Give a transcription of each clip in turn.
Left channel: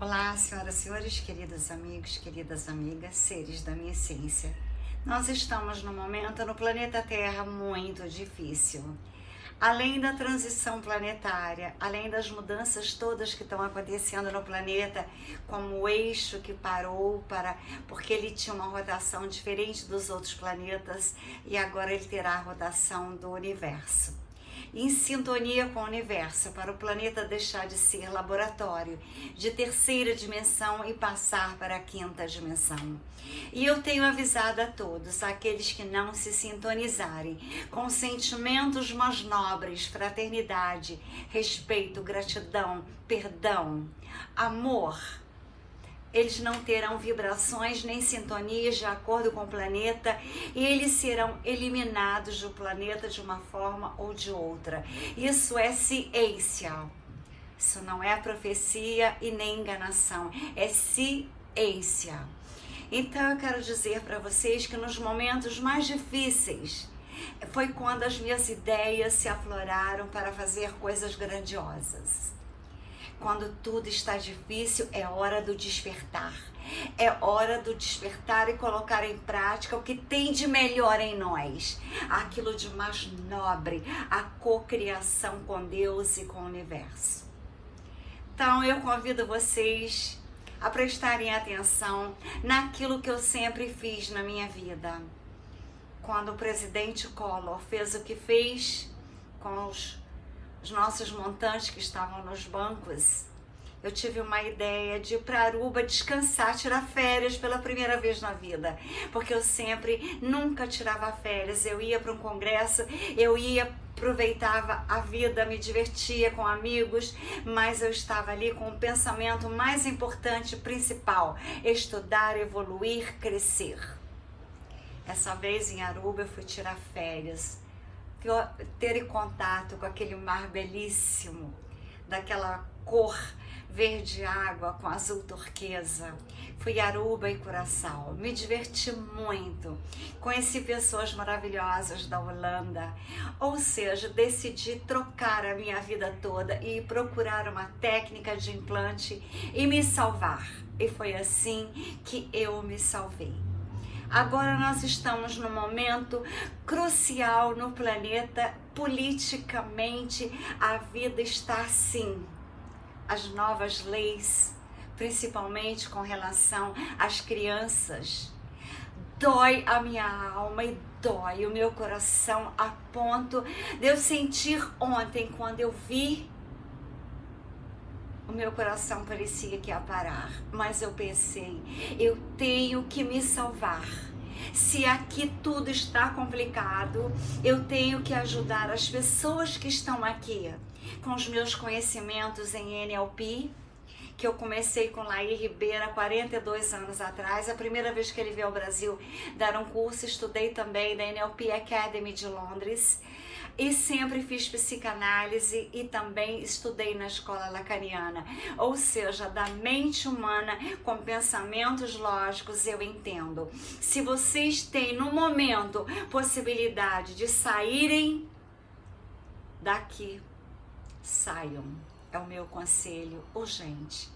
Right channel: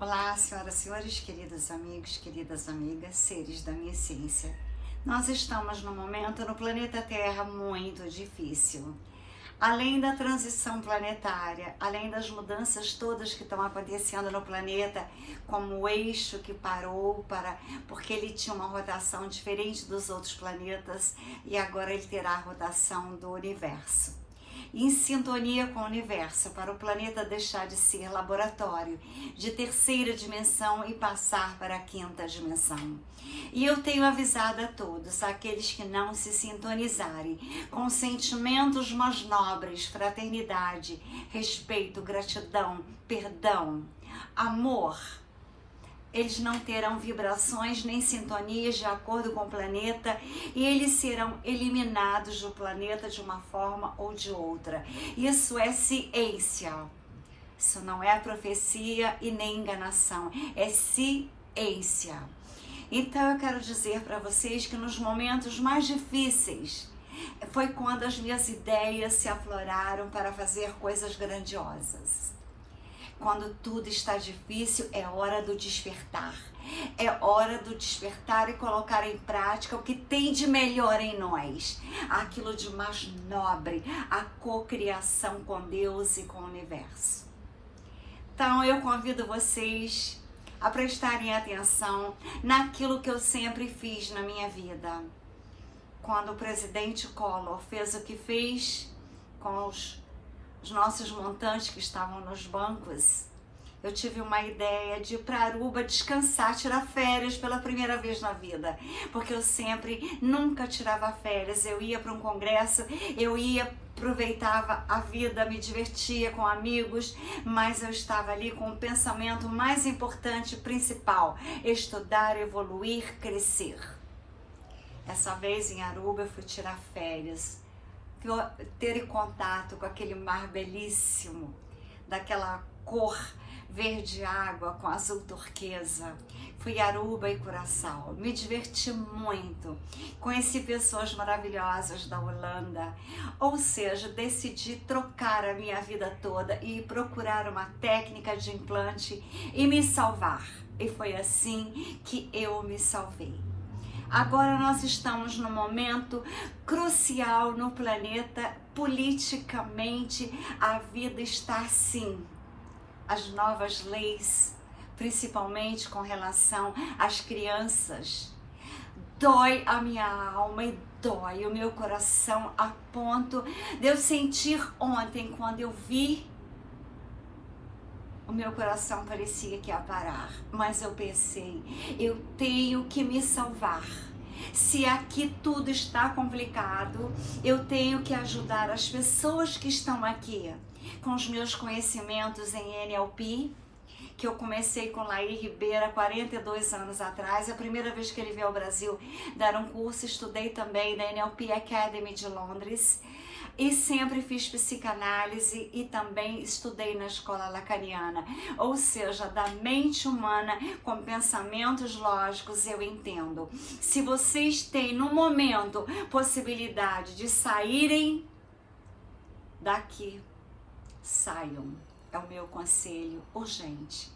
Olá, senhoras e senhores, queridos amigos, queridas amigas, seres da minha essência. Nós estamos num momento no planeta Terra muito difícil. Além da transição planetária, além das mudanças todas que estão acontecendo no planeta, como o eixo que parou porque ele tinha uma rotação diferente dos outros planetas e agora ele terá a rotação do universo. Em sintonia com o universo, para o planeta deixar de ser laboratório de terceira dimensão e passar para a quinta dimensão. E eu tenho avisado a todos, aqueles que não se sintonizarem com sentimentos mais nobres, fraternidade, respeito, gratidão, perdão, amor, eles não terão vibrações nem sintonias de acordo com o planeta e eles serão eliminados do planeta de uma forma ou de outra. Isso é ciência. Isso não é profecia e nem enganação. É ciência. Então eu quero dizer para vocês que nos momentos mais difíceis foi quando as minhas ideias se afloraram para fazer coisas grandiosas. Quando tudo está difícil, é hora do despertar. É hora do despertar e colocar em prática o que tem de melhor em nós. Aquilo de mais nobre, a cocriação com Deus e com o universo. Então eu convido vocês a prestarem atenção naquilo que eu sempre fiz na minha vida. Quando o presidente Collor fez o que fez com os nossos montantes que estavam nos bancos, eu tive uma ideia de ir para Aruba descansar, tirar férias pela primeira vez na vida, porque eu nunca tirava férias. Eu ia para um congresso, aproveitava a vida, me divertia com amigos, mas eu estava ali com o pensamento mais importante, principal: estudar, evoluir, crescer. Essa vez em Aruba eu fui tirar férias, ter contato com aquele mar belíssimo, daquela cor verde água com azul turquesa. Fui a Aruba e Curaçao, me diverti muito, conheci pessoas maravilhosas da Holanda, ou seja, decidi trocar a minha vida toda e procurar uma técnica de implante e me salvar. E foi assim que eu me salvei. Agora nós estamos num momento crucial no planeta, politicamente a vida está assim. As novas leis, principalmente com relação às crianças, dói a minha alma e dói o meu coração a ponto de eu sentir ontem, quando eu vi, o meu coração parecia que ia parar, mas eu pensei, eu tenho que me salvar. Se aqui tudo está complicado, eu tenho que ajudar as pessoas que estão aqui. Com os meus conhecimentos em NLP, que eu comecei com Laí Ribeiro há 42 anos atrás, a primeira vez que ele veio ao Brasil dar um curso, estudei também na NLP Academy de Londres, e sempre fiz psicanálise e também estudei na escola lacaniana, ou seja, da mente humana com pensamentos lógicos eu entendo. Se vocês têm no momento possibilidade de saírem daqui, saiam, é o meu conselho urgente.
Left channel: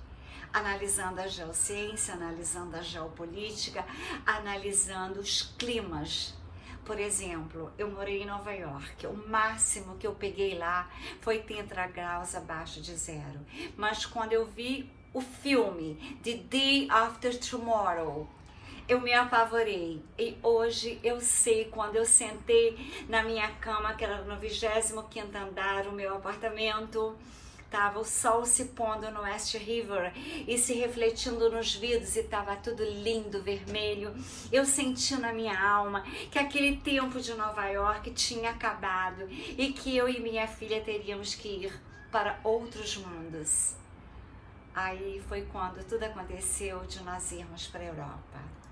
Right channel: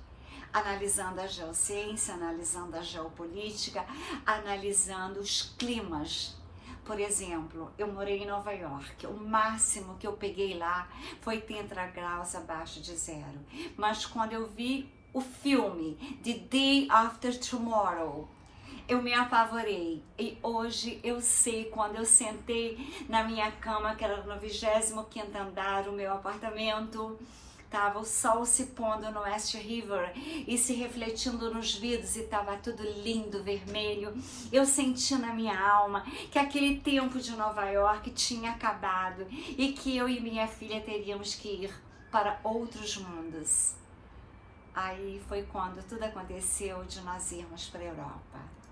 Analisando a geociência, analisando a geopolítica, analisando os climas. Por exemplo, eu morei em Nova York, o máximo que eu peguei lá foi 30 graus abaixo de zero. Mas quando eu vi o filme The Day After Tomorrow, eu me apavorei. E hoje eu sei, quando eu sentei na minha cama, que era no 25º andar, o meu apartamento, tava o sol se pondo no West River e se refletindo nos vidros e estava tudo lindo, vermelho. Eu senti na minha alma que aquele tempo de Nova York tinha acabado e que eu e minha filha teríamos que ir para outros mundos. Aí foi quando tudo aconteceu de nós irmos para a Europa.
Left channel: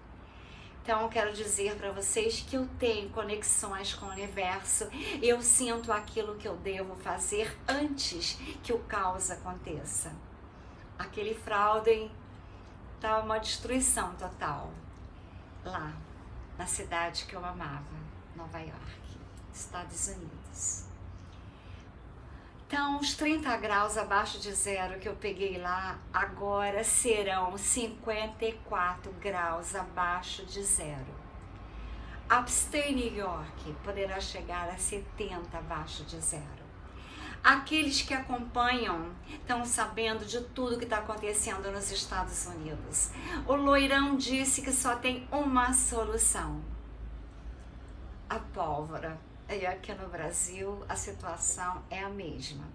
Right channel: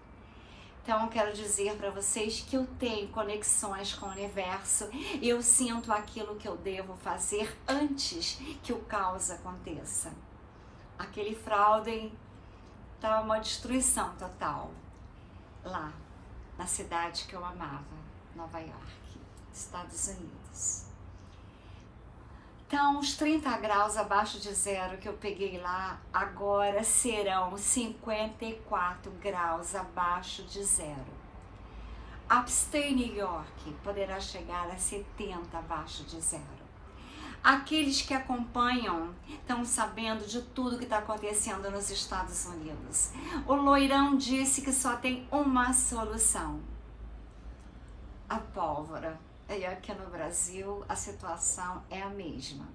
Então eu quero dizer para vocês que eu tenho conexões com o universo, eu sinto aquilo que eu devo fazer antes que o caos aconteça. Aquele fraude estava uma destruição total lá na cidade que eu amava, Nova York, Estados Unidos. Então, os 30 graus abaixo de zero que eu peguei lá, agora serão 54 graus abaixo de zero. Upstate New York poderá chegar a 70 abaixo de zero. Aqueles que acompanham estão sabendo de tudo que está acontecendo nos Estados Unidos. O loirão disse que só tem uma solução: a pólvora. E aqui no Brasil a situação é a mesma.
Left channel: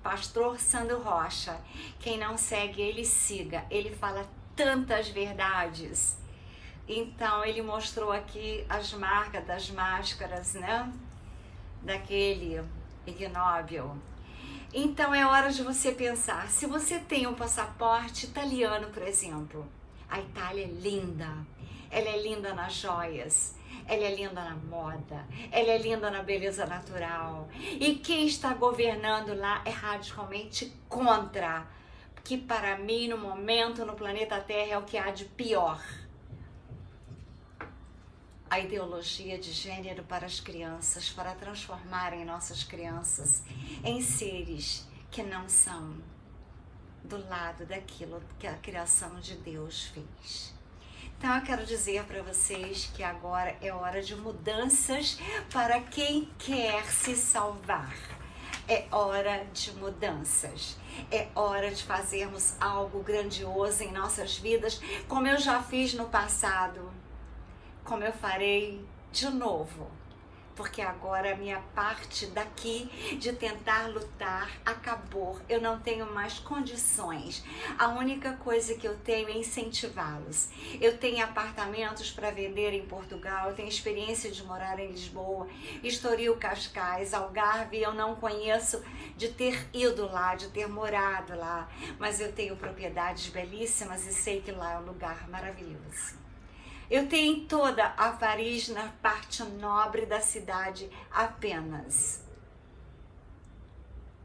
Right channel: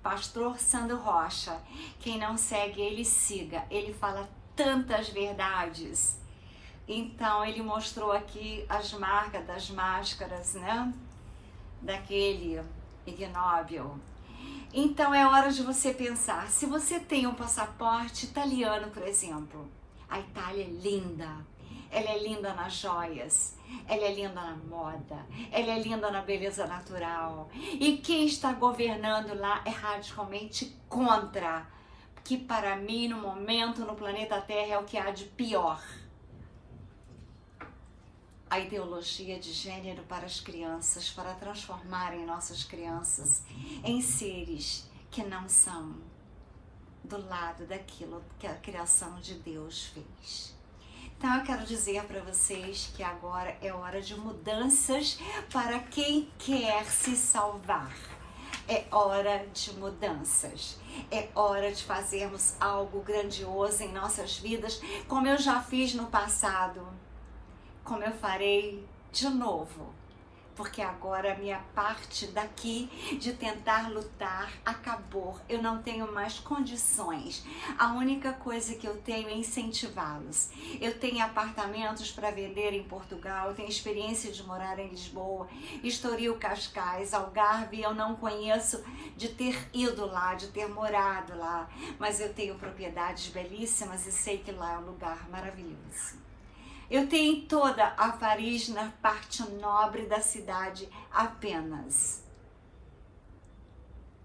Pastor Sandro Rocha, quem não segue ele, siga. Ele fala tantas verdades. Então ele mostrou aqui as marcas das máscaras, né? Daquele ignóbil. Então é hora de você pensar, se você tem um passaporte italiano, por exemplo, a Itália é linda, ela é linda nas joias, ela é linda na moda, ela é linda na beleza natural, e quem está governando lá é radicalmente contra, que para mim no momento no planeta Terra é o que há de pior. A ideologia de gênero para as crianças, para transformarem nossas crianças em seres que não são do lado daquilo que a criação de Deus fez. Então eu quero dizer para vocês que agora é hora de mudanças para quem quer se salvar. É hora de mudanças. É hora de fazermos algo grandioso em nossas vidas, como eu já fiz no passado. Como eu farei de novo, porque agora a minha parte daqui de tentar lutar acabou. Eu não tenho mais condições. A única coisa que eu tenho é incentivá-los. Eu tenho apartamentos para vender em Portugal, eu tenho experiência de morar em Lisboa, Estoril, Cascais, Algarve. Eu não conheço de ter ido lá, de ter morado lá, mas eu tenho propriedades belíssimas e sei que lá é um lugar maravilhoso. Eu tenho toda a Paris na parte nobre da cidade apenas.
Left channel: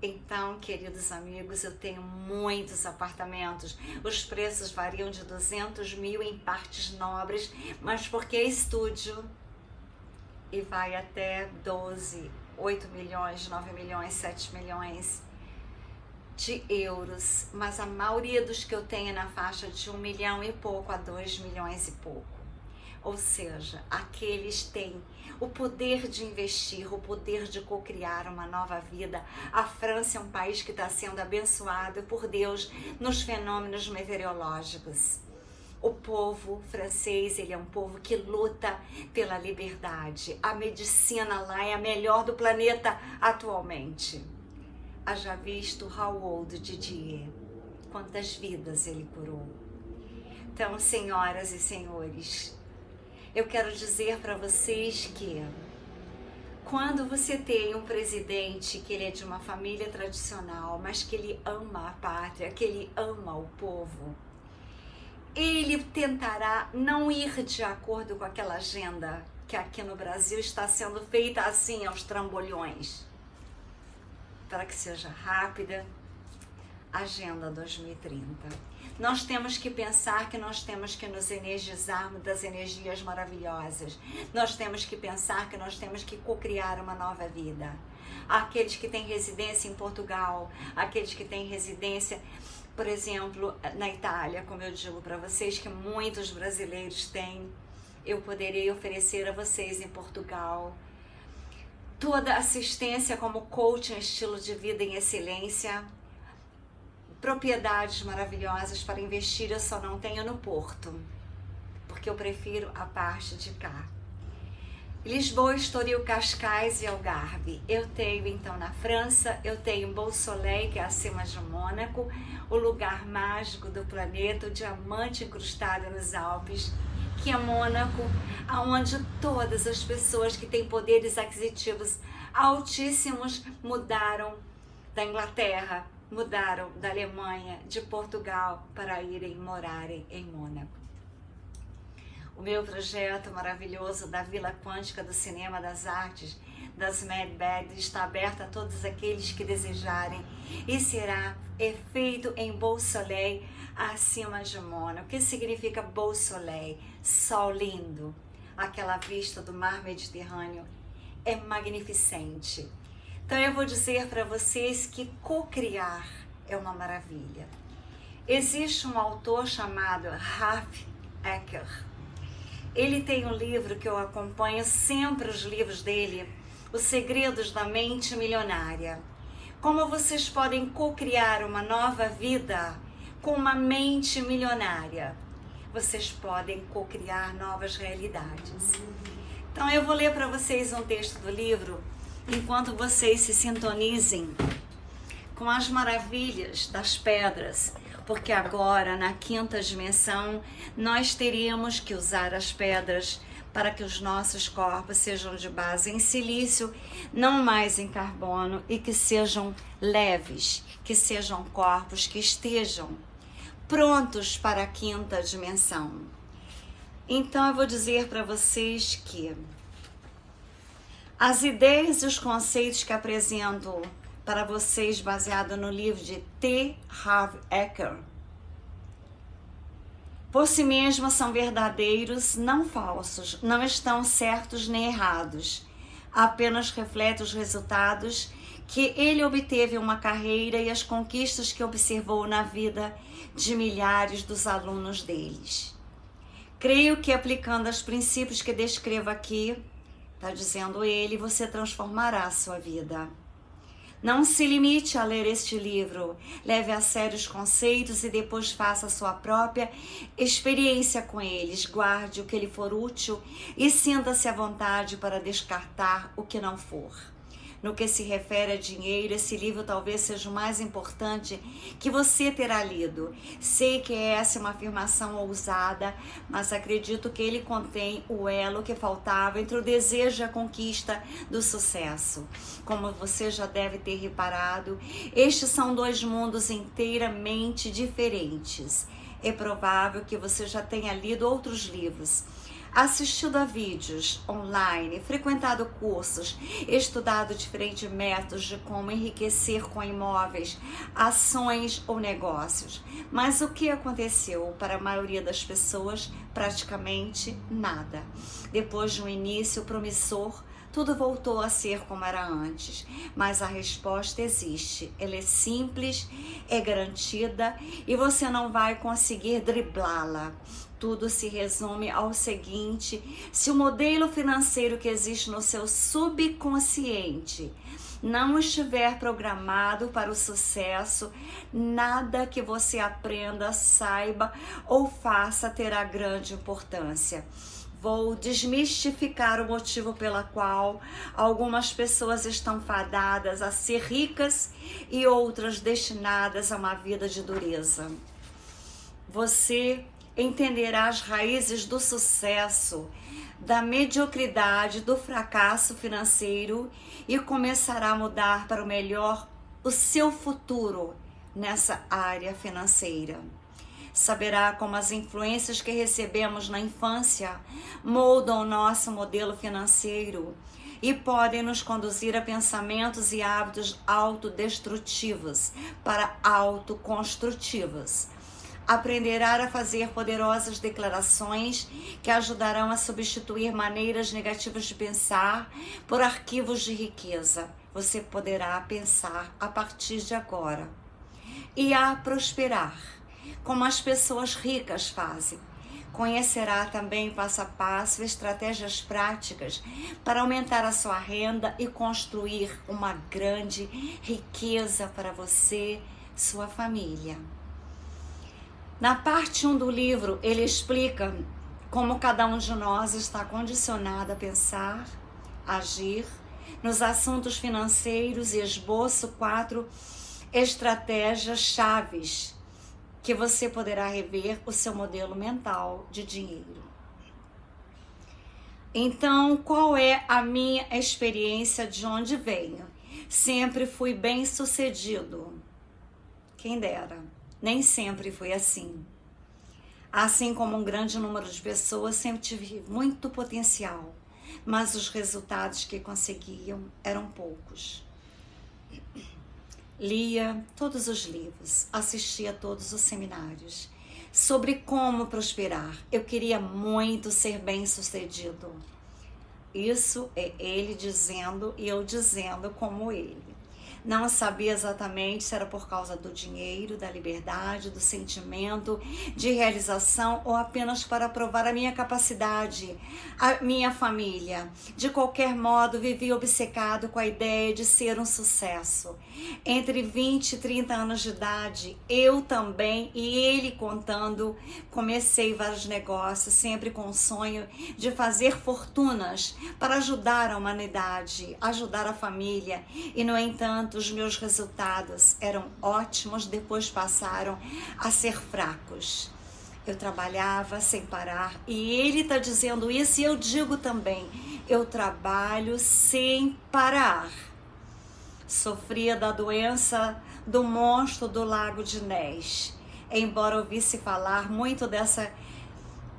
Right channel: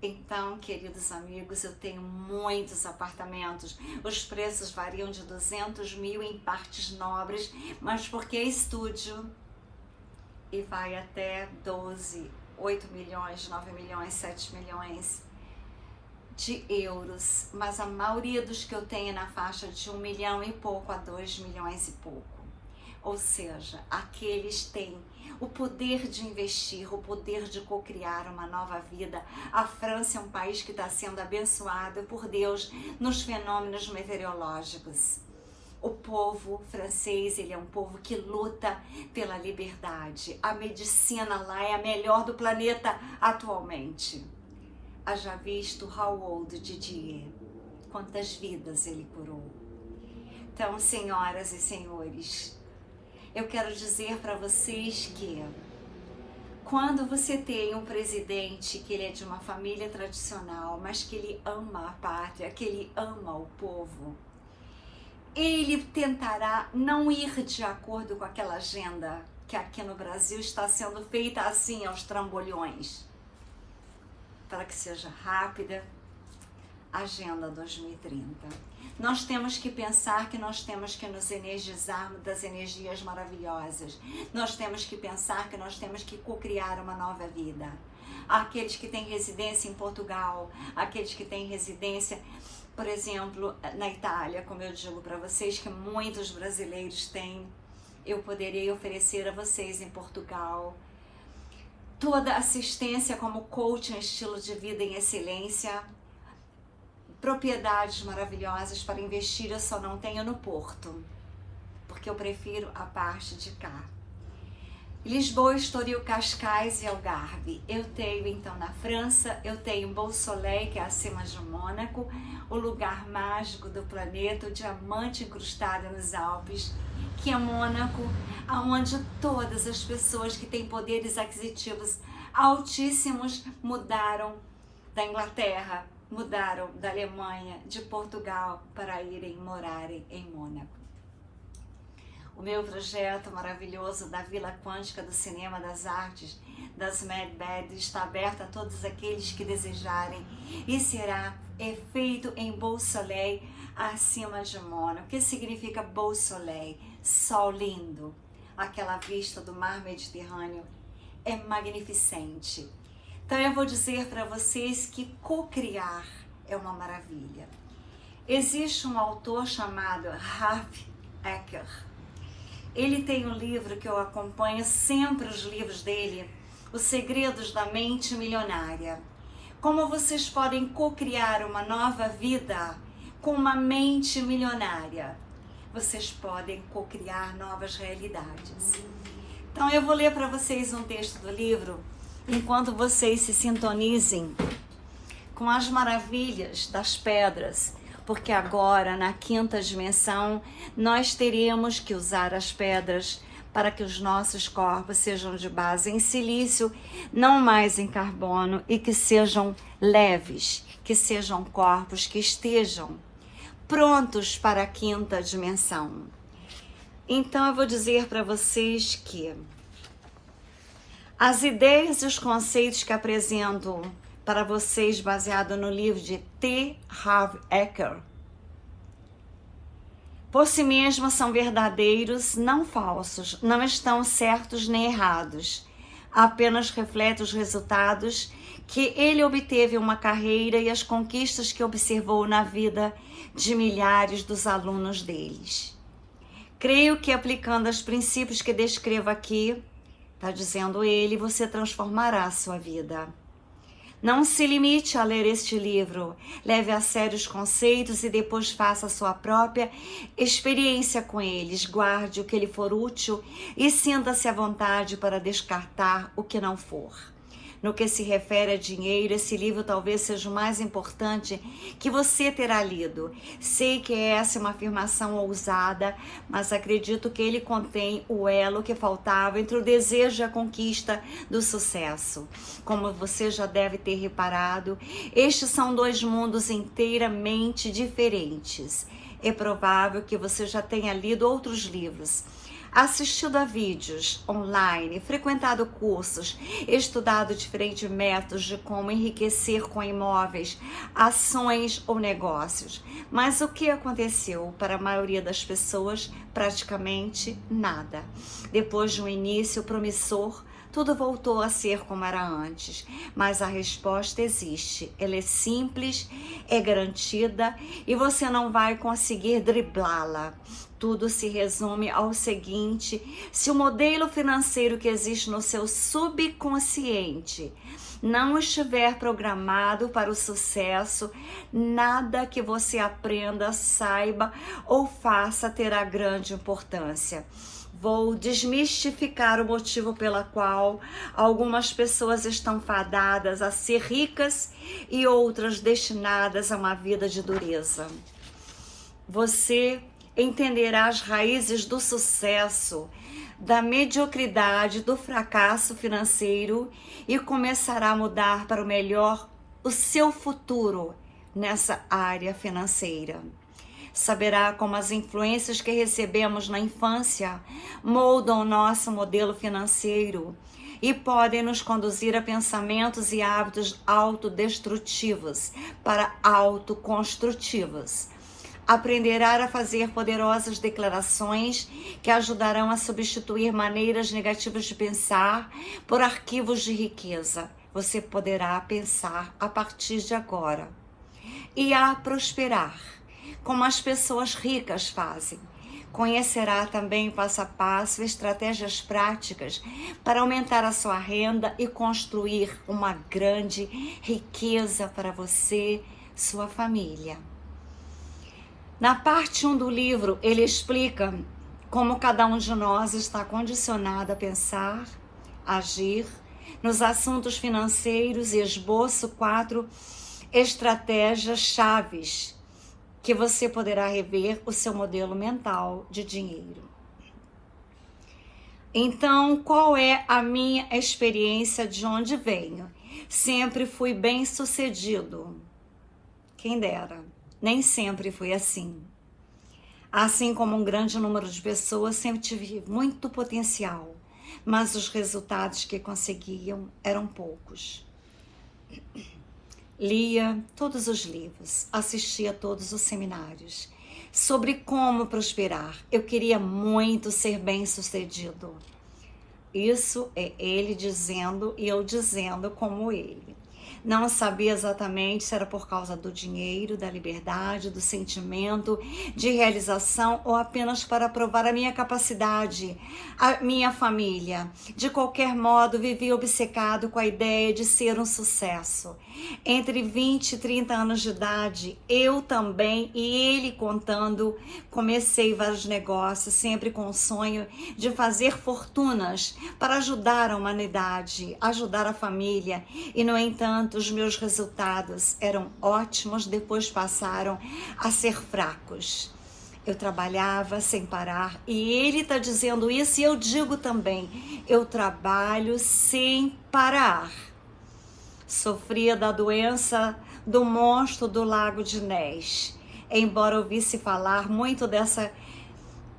Então, queridos amigos, eu tenho muitos apartamentos. Os preços variam de 200 mil em partes nobres, mas porque é estúdio e vai até 12, 8 milhões, 9 milhões, 7 milhões de euros. Mas a maioria dos que eu tenho é na faixa de 1 milhão e pouco a 2 milhões e pouco. Ou seja, aqueles têm o poder de investir, o poder de cocriar uma nova vida. A França é um país que está sendo abençoado por Deus nos fenômenos meteorológicos. O povo francês, ele é um povo que luta pela liberdade. A medicina lá é a melhor do planeta atualmente. Haja visto Raoul Didier, quantas vidas ele curou. Então, senhoras e senhores, eu quero dizer para vocês que quando você tem um presidente que ele é de uma família tradicional, mas que ele ama a pátria, que ele ama o povo, ele tentará não ir de acordo com aquela agenda que aqui no Brasil está sendo feita assim aos trambolhões, para que seja rápida. Agenda 2030. Nós temos que pensar que nós temos que nos energizarmos das energias maravilhosas. Nós temos que pensar que nós temos que cocriar uma nova vida. Aqueles que têm residência em Portugal, aqueles que têm residência, por exemplo, na Itália, como eu digo para vocês, que muitos brasileiros têm, eu poderia oferecer a vocês em Portugal toda assistência como coaching, estilo de vida em excelência, propriedades maravilhosas para investir. Eu só não tenho no Porto, porque eu prefiro a parte de cá. Lisboa, Estoril, Cascais e Algarve. Eu tenho então na França, eu tenho Beausoleil, que é acima de Mônaco, o lugar mágico do planeta, o diamante incrustado nos Alpes, que é Mônaco, onde todas as pessoas que têm poderes aquisitivos altíssimos mudaram da Inglaterra, mudaram da Alemanha, de Portugal, para irem morarem em Mônaco. O meu projeto maravilhoso da Vila Quântica do Cinema das Artes, das Mad Bad, está aberto a todos aqueles que desejarem e será feito em Beausoleil, acima de Mônaco. O que significa Beausoleil? Sol lindo. Aquela vista do mar Mediterrâneo é magnificente. Então eu vou dizer para vocês que co-criar é uma maravilha. Existe um autor chamado Harv Eker. Ele tem um livro que eu acompanho sempre, os livros dele, Os Segredos da Mente Milionária. Como vocês podem co-criar uma nova vida com uma mente milionária. Vocês podem co-criar novas realidades. Então eu vou ler para vocês um texto do livro, enquanto vocês se sintonizem com as maravilhas das pedras, porque agora, na quinta dimensão, nós teríamos que usar as pedras para que os nossos corpos sejam de base em silício, não mais em carbono, e que sejam leves, que sejam corpos que estejam prontos para a quinta dimensão. Então eu vou dizer para vocês que as ideias e os conceitos que apresento para vocês baseado no livro de T. Harv Eker, por si mesmos são verdadeiros, não falsos, não estão certos nem errados, apenas refletem os resultados que ele obteve em uma carreira e as conquistas que observou na vida de milhares dos alunos deles. Creio que aplicando os princípios que descrevo aqui, está dizendo ele, você transformará a sua vida. Não se limite a ler este livro, leve a sério os conceitos e depois faça a sua própria experiência com eles. Guarde o que lhe for útil e sinta-se à vontade para descartar o que não for. No que se refere a dinheiro, esse livro talvez seja o mais importante que você terá lido. Sei que essa é uma afirmação ousada, mas acredito que ele contém o elo que faltava entre o desejo e a conquista do sucesso. Como você já deve ter reparado, estes são dois mundos inteiramente diferentes. É provável que você já tenha lido outros livros, assistido a vídeos online, frequentado cursos, estudado diferentes métodos de como enriquecer com imóveis, ações ou negócios. Mas o que aconteceu para a maioria das pessoas? Praticamente nada. Depois de um início promissor, tudo voltou a ser como era antes, mas a resposta existe. Ela é simples, é garantida e você não vai conseguir driblá-la. Tudo se resume ao seguinte: se o modelo financeiro que existe no seu subconsciente não estiver programado para o sucesso, nada que você aprenda, saiba ou faça terá grande importância. Vou desmistificar o motivo pela qual algumas pessoas estão fadadas a ser ricas e outras destinadas a uma vida de dureza. Você entenderá as raízes do sucesso, da mediocridade, do fracasso financeiro e começará a mudar para o melhor o seu futuro nessa área financeira. Saberá como as influências que recebemos na infância moldam o nosso modelo financeiro e podem nos conduzir a pensamentos e hábitos autodestrutivos para autoconstrutivos. Aprenderá a fazer poderosas declarações que ajudarão a substituir maneiras negativas de pensar por arquivos de riqueza. Você poderá pensar a partir de agora e a prosperar, como as pessoas ricas fazem. Conhecerá também passo a passo estratégias práticas para aumentar a sua renda e construir uma grande riqueza para você, sua família. Na parte 1 do livro, ele explica como cada um de nós está condicionado a pensar, agir nos assuntos financeiros e esboço 4 estratégias chaves que você poderá rever o seu modelo mental de dinheiro. Então, qual é a minha experiência, de onde venho? Sempre fui bem-sucedido. Quem dera. Nem sempre foi assim. Assim como um grande número de pessoas, sempre tive muito potencial, mas os resultados que conseguiam eram poucos. Lia todos os livros, assistia a todos os seminários sobre como prosperar. Eu queria muito ser bem-sucedido, Isso é ele dizendo e eu dizendo como ele. Não sabia exatamente se era por causa do dinheiro, da liberdade, do sentimento de realização ou apenas para provar a minha capacidade, a minha família. De qualquer modo, vivi obcecado com a ideia de ser um sucesso. Entre 20 e 30 anos de idade, eu também e ele contando, comecei vários negócios, sempre com o sonho de fazer fortunas para ajudar a humanidade, ajudar a família. E, no entanto, os meus resultados eram ótimos, depois passaram a ser fracos. Eu trabalhava sem parar e ele está dizendo isso e eu digo também, eu trabalho sem parar. Sofria da doença do monstro do Lago de Ness. Embora ouvisse falar muito dessa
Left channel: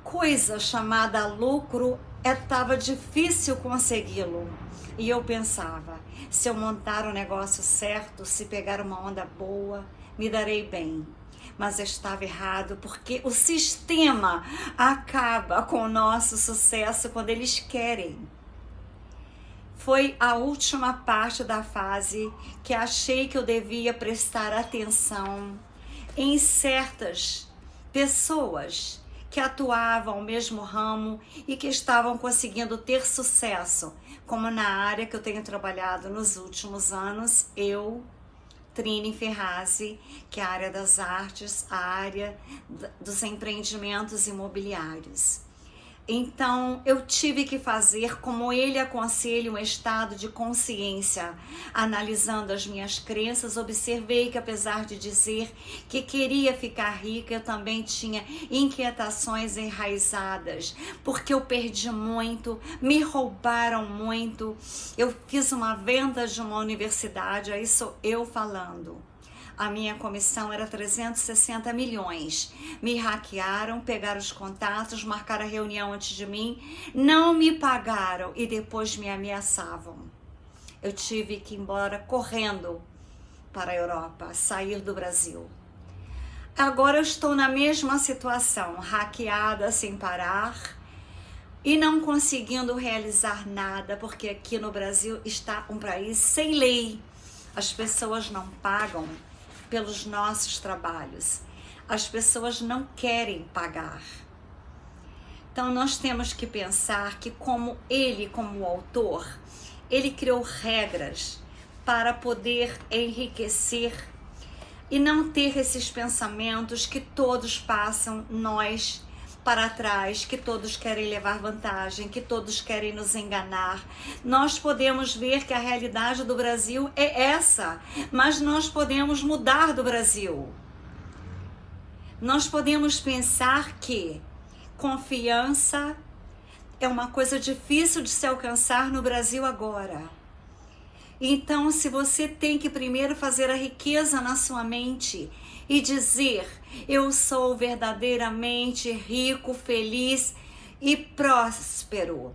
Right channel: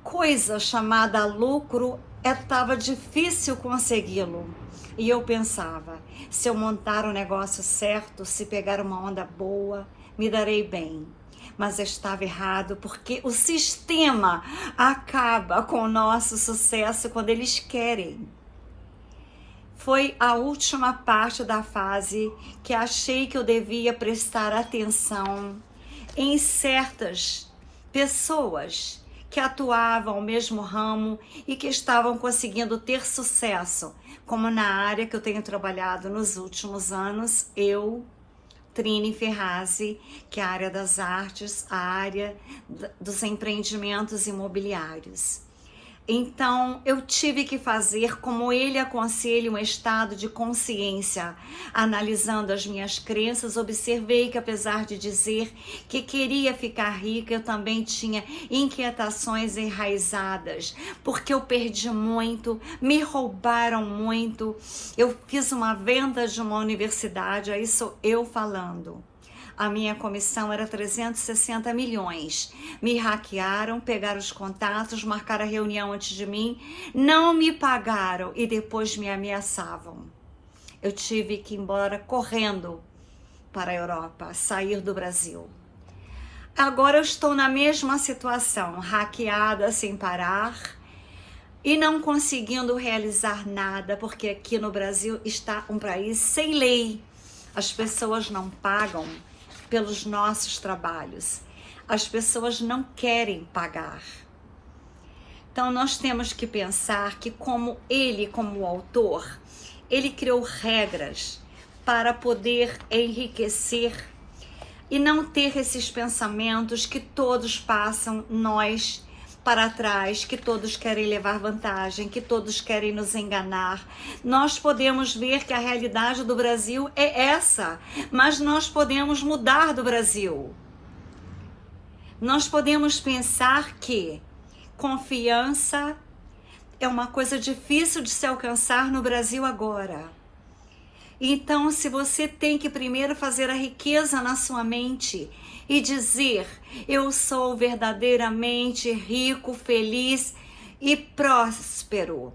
coisa chamada lucro, estava difícil consegui-lo. E eu pensava, se eu montar o negócio certo, se pegar uma onda boa, me darei bem. Mas estava errado, porque o sistema acaba com o nosso sucesso quando eles querem. Foi a última parte da fase que achei que eu devia prestar atenção em certas pessoas que atuavam no mesmo ramo e que estavam conseguindo ter sucesso, como na área que eu tenho trabalhado nos últimos anos, eu, Trine Ferrazzi, que é a área das artes, a área dos empreendimentos imobiliários. Então, eu tive que fazer como ele aconselha um estado de consciência. Analisando as minhas crenças, observei que apesar de dizer que queria ficar rica, eu também tinha inquietações enraizadas, porque eu perdi muito, me roubaram muito. Eu fiz uma venda de uma universidade, aí sou eu falando. A minha comissão era 360 milhões. Me hackearam, pegaram os contatos, marcaram a reunião antes de mim, não me pagaram e depois me ameaçavam. Eu tive que ir embora correndo para a Europa, sair do Brasil. Agora eu estou na mesma situação, hackeada sem parar e não conseguindo realizar nada, porque aqui no Brasil está um país sem lei. As pessoas não pagam pelos nossos trabalhos. As pessoas não querem pagar. Então nós temos que pensar que como autor, ele criou regras para poder enriquecer e não ter esses pensamentos que todos passam nós para trás, que todos querem levar vantagem, que todos querem nos enganar. Nós podemos ver que a realidade do Brasil é essa, mas nós podemos mudar do Brasil. Nós podemos pensar que confiança é uma coisa difícil de se alcançar no Brasil agora. Então, se você tem que primeiro fazer a riqueza na sua mente e dizer, eu sou verdadeiramente rico, feliz e próspero.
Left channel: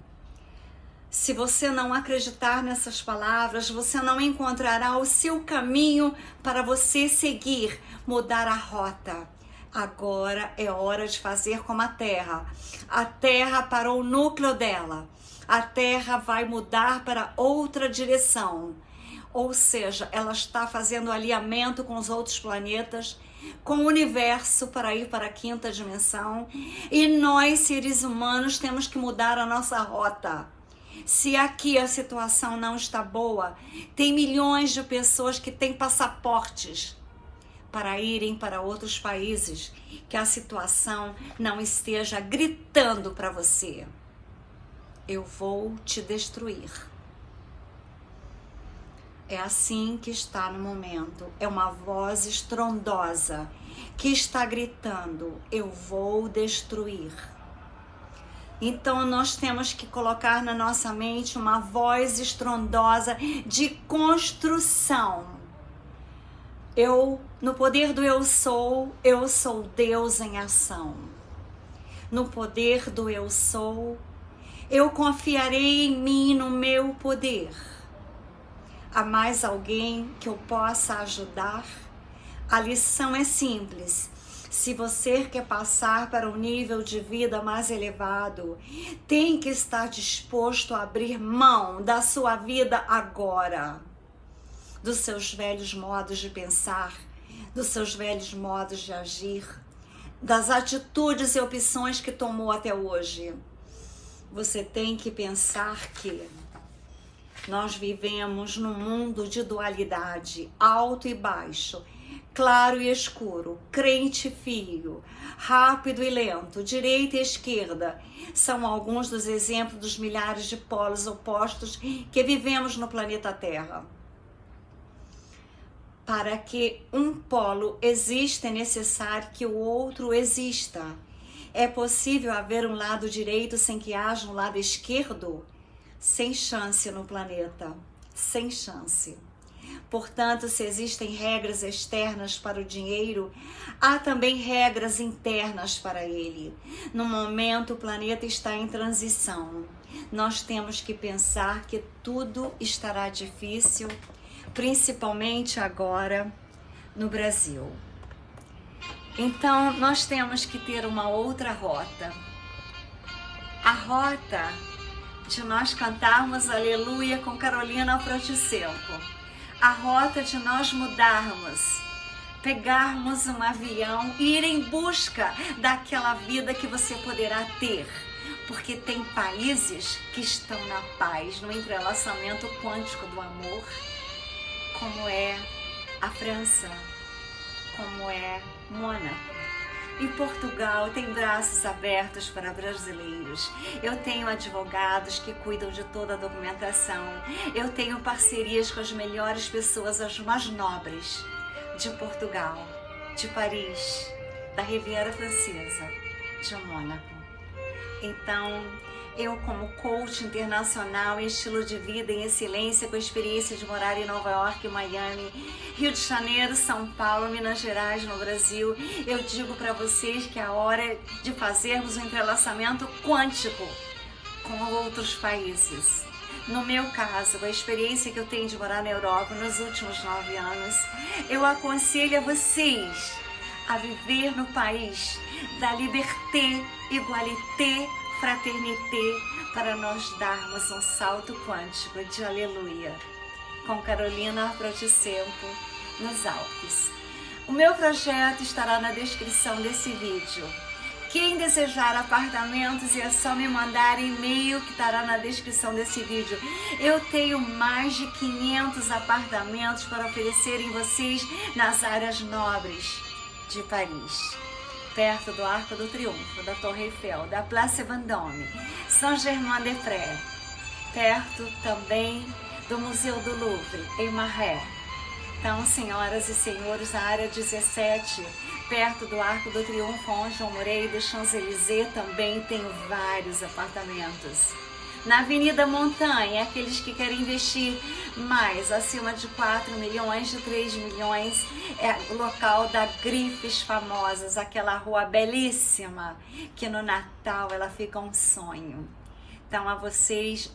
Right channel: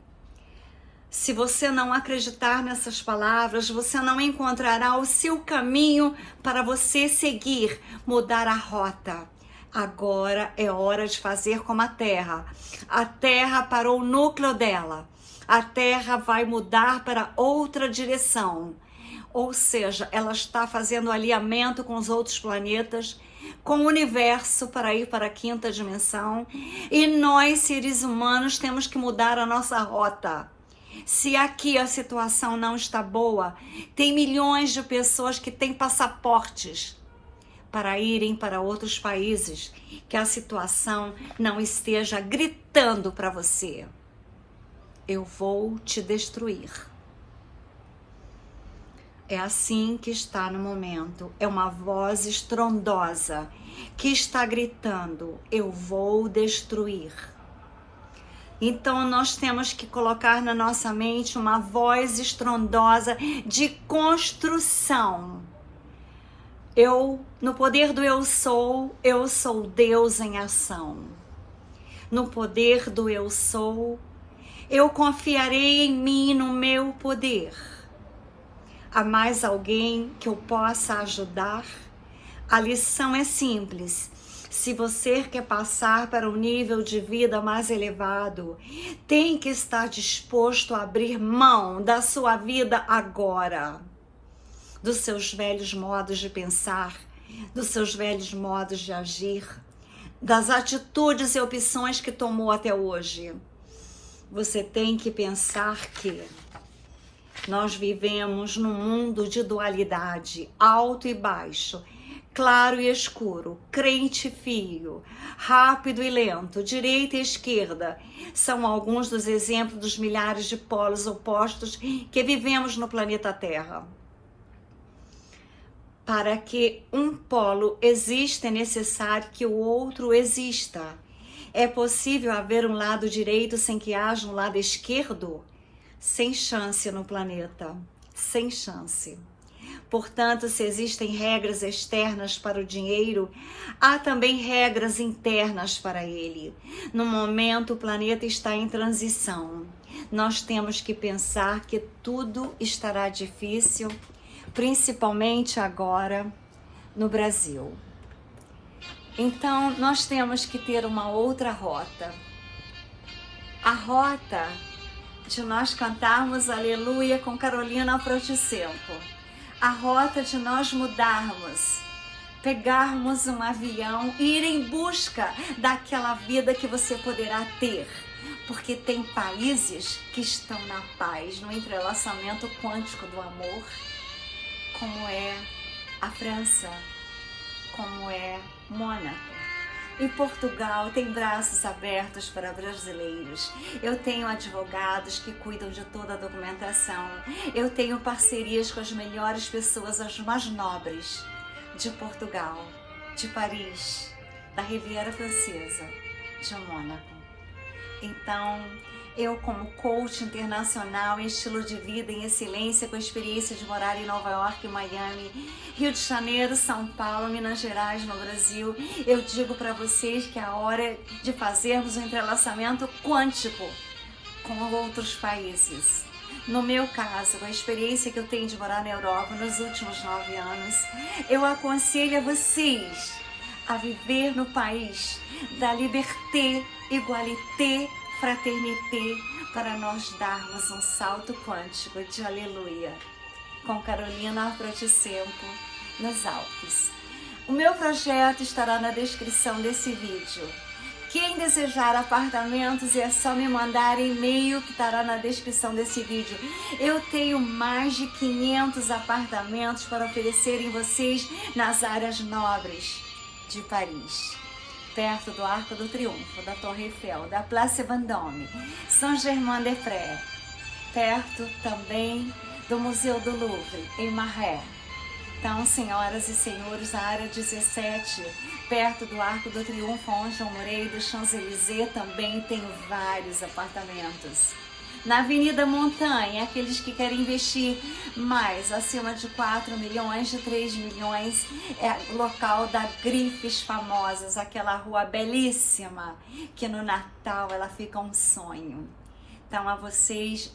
Se você não acreditar nessas palavras, você não encontrará o seu caminho para você seguir, mudar a rota. Agora é hora de fazer como a Terra. A Terra parou o núcleo dela. A Terra vai mudar para outra direção. Ou seja, ela está fazendo alinhamento com os outros planetas, com o universo para ir para a quinta dimensão. E nós, seres humanos, temos que mudar a nossa rota. Se aqui a situação não está boa, tem milhões de pessoas que têm passaportes para irem para outros países, que a situação não esteja gritando para você. Eu vou te destruir. É assim que está no momento. É uma voz estrondosa que está gritando, eu vou destruir. Então nós temos que colocar na nossa mente uma voz estrondosa de construção. No poder do eu sou Deus em ação. No poder do eu sou, eu confiarei em mim, no meu poder. Há mais alguém que eu possa ajudar? A lição é simples. Se você quer passar para um nível de vida mais elevado, tem que estar disposto a abrir mão da sua vida agora, dos seus velhos modos de pensar, dos seus velhos modos de agir, das atitudes e opções que tomou até hoje. Você tem que pensar que nós vivemos num mundo de dualidade, alto e baixo, claro e escuro, crente e fio, rápido e lento, direita e esquerda. São alguns dos exemplos dos milhares de polos opostos que vivemos no planeta Terra. Para que um polo exista, é necessário que o outro exista. É possível haver um lado direito sem que haja um lado esquerdo? Sem chance no planeta, sem chance. Portanto, se existem regras externas para o dinheiro, há também regras internas para ele. No momento, o planeta está em transição. Nós temos que pensar que tudo estará difícil, principalmente agora no Brasil. Então, nós temos que ter uma outra rota. A rota de nós cantarmos Aleluia com Carolina Protocempo. A rota de nós mudarmos, pegarmos um avião e ir em busca daquela vida que você poderá ter. Porque tem países que estão na paz, no entrelaçamento quântico do amor, como é a França, como é Mônaco. E Portugal tem braços abertos para brasileiros. Eu tenho advogados que cuidam de toda a documentação. Eu tenho parcerias com as melhores pessoas, as mais nobres de Portugal, de Paris, da Riviera Francesa, de Mônaco. Então, eu como coach internacional em estilo de vida em excelência, com experiência de morar em Nova York, Miami, Rio de Janeiro, São Paulo, Minas Gerais, no Brasil, eu digo para vocês que é a hora de fazermos um entrelaçamento quântico com outros países. No meu caso, com a experiência que eu tenho de morar na Europa nos últimos 9 anos, eu aconselho a vocês a viver no país da liberté, igualité, fraternité, para nós darmos um salto quântico de aleluia, com Carolina Protocempo, nos Alpes. O meu projeto estará na descrição desse vídeo. Quem desejar apartamentos é só me mandar e-mail que estará na descrição desse vídeo. Eu tenho mais de 500 apartamentos para oferecer em vocês nas áreas nobres de Paris, perto do Arco do Triunfo, da Torre Eiffel, da Place Vendôme, Saint-Germain-des-Prés, perto também do Museu do Louvre, em Marais. Então, senhoras e senhores, a área 17, perto do Arco do Triunfo, onde eu morei, do Champs-Élysées, também tenho vários apartamentos. Na Avenida Montanha, aqueles que querem investir mais, acima de 4 milhões, de 3 milhões, é o local da Grifes Famosas, aquela rua belíssima, que no Natal ela fica um sonho. Então, a vocês,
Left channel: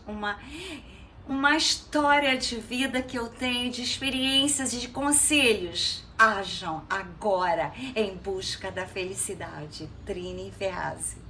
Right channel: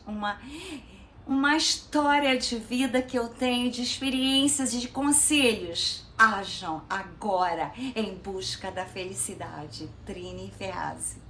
uma história de vida que eu tenho, de experiências e de conselhos. Ajam agora em busca da felicidade. Trini Ferrazzi.